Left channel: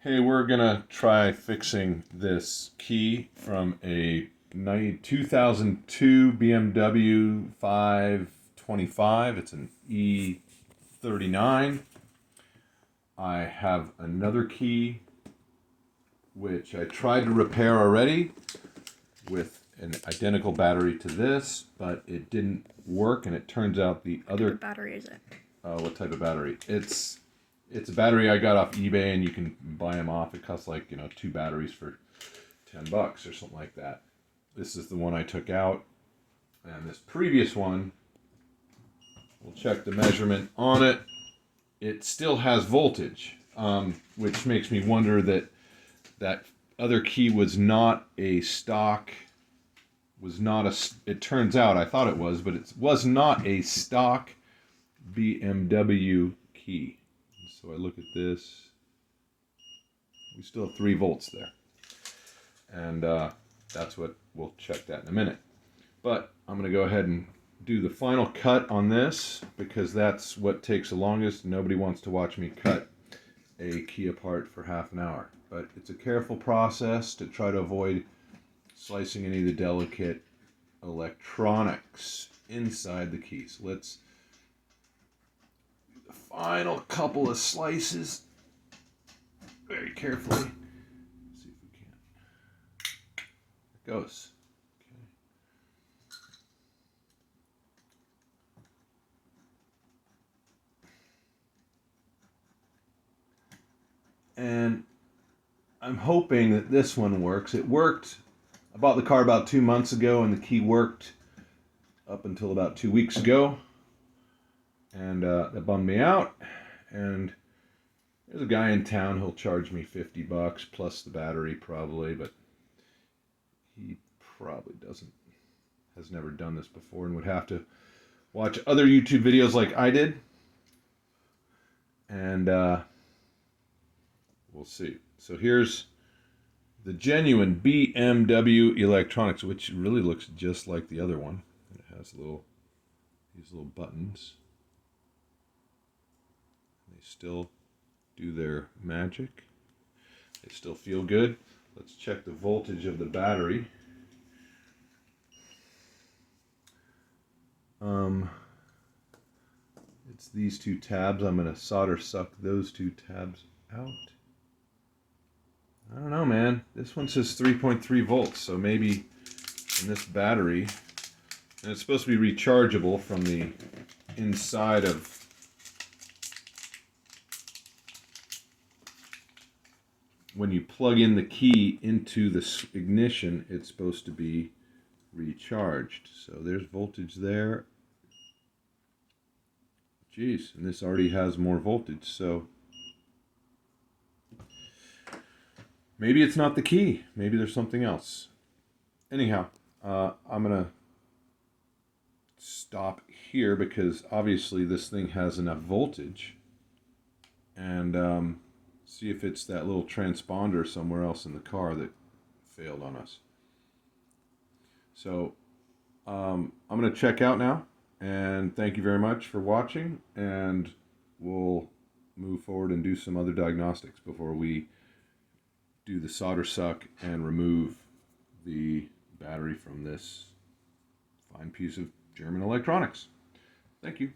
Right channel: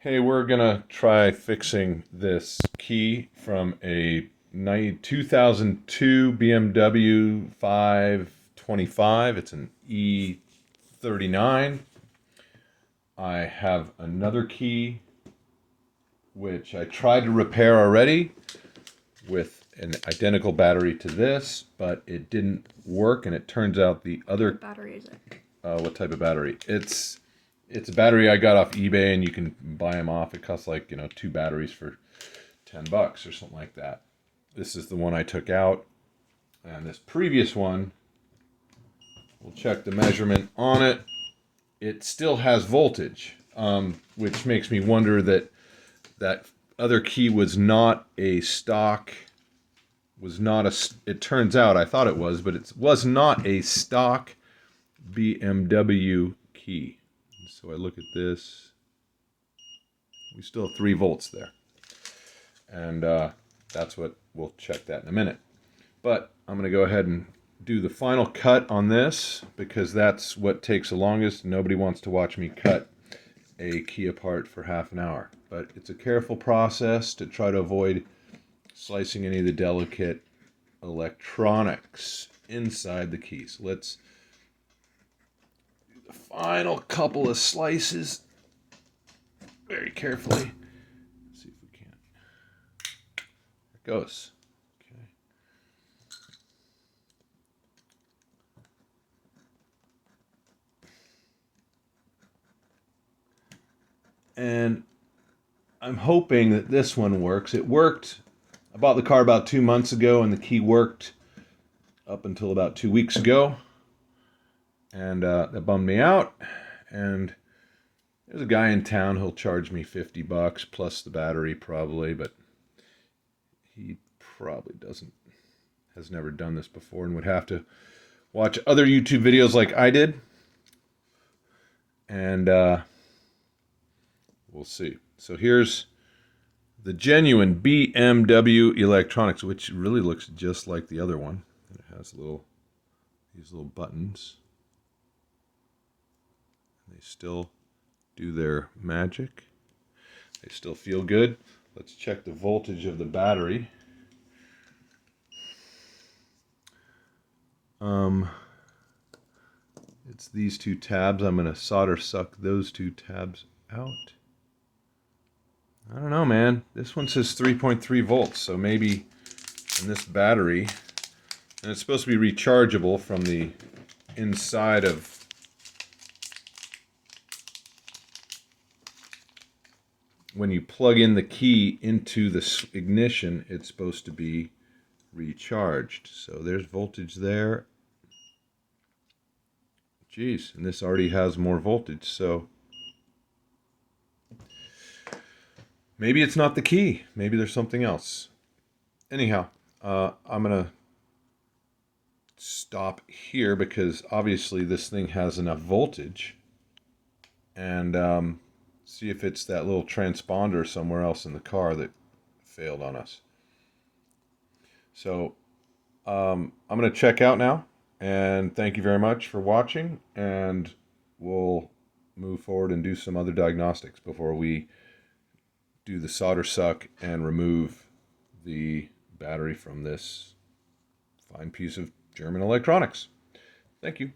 Hey, we're gonna try fixing this key from a 2002 BMW 525. It's an E39. I have another key which I tried to repair already with an identical battery to this, but it didn't work, and it turns out the other... What battery is it? What type of battery? It's a battery I got off eBay, and you can buy them off. It costs like, two batteries for $10 or something like that. This is the one I took out, and this previous one, we'll check the measurement on it. It still has voltage, which makes me wonder that other key was not a stock. It turns out, I thought it was, but it was not a stock BMW key. So I look at this, we still have 3 volts there. And that's what, we'll check that in a minute. But I'm gonna go ahead and do the final cut on this, because that's what takes the longest. Nobody wants to watch me cut a key apart for half an hour. But it's a careful process to try to avoid slicing any of the delicate electronics inside the key. So let's do the final couple of slices very carefully. Let's see if we can. There it goes. Okay. And I'm hoping that this one works. It worked. I bought the car about 2 months ago, and the key worked up until about 2 weeks ago. And that bummed me out. And there's a guy in town who'll charge me $50 plus the battery probably, but he probably has never done this before and would have to watch other YouTube videos like I did. And we'll see. So here's the genuine BMW electronics, which really looks just like the other one. It has these little buttons. They still do their magic. They still feel good. Let's check the voltage of the battery. It's these 2 tabs. I'm going to solder suck those 2 tabs out. I don't know, man. This one says 3.3 volts, so maybe in this battery, and it's supposed to be rechargeable from the inside of when you plug in the key into the ignition, it's supposed to be recharged. So there's voltage there. Geez, and this already has more voltage, so maybe it's not the key. Maybe there's something else. Anyhow, I'm going to stop here because obviously this thing has enough voltage, and see if it's that little transponder somewhere else in the car that failed on us. So I'm going to check out now, and thank you very much for watching, and we'll move forward and do some other diagnostics before we do the solder suck and remove the battery from this fine piece of German electronics. Thank you.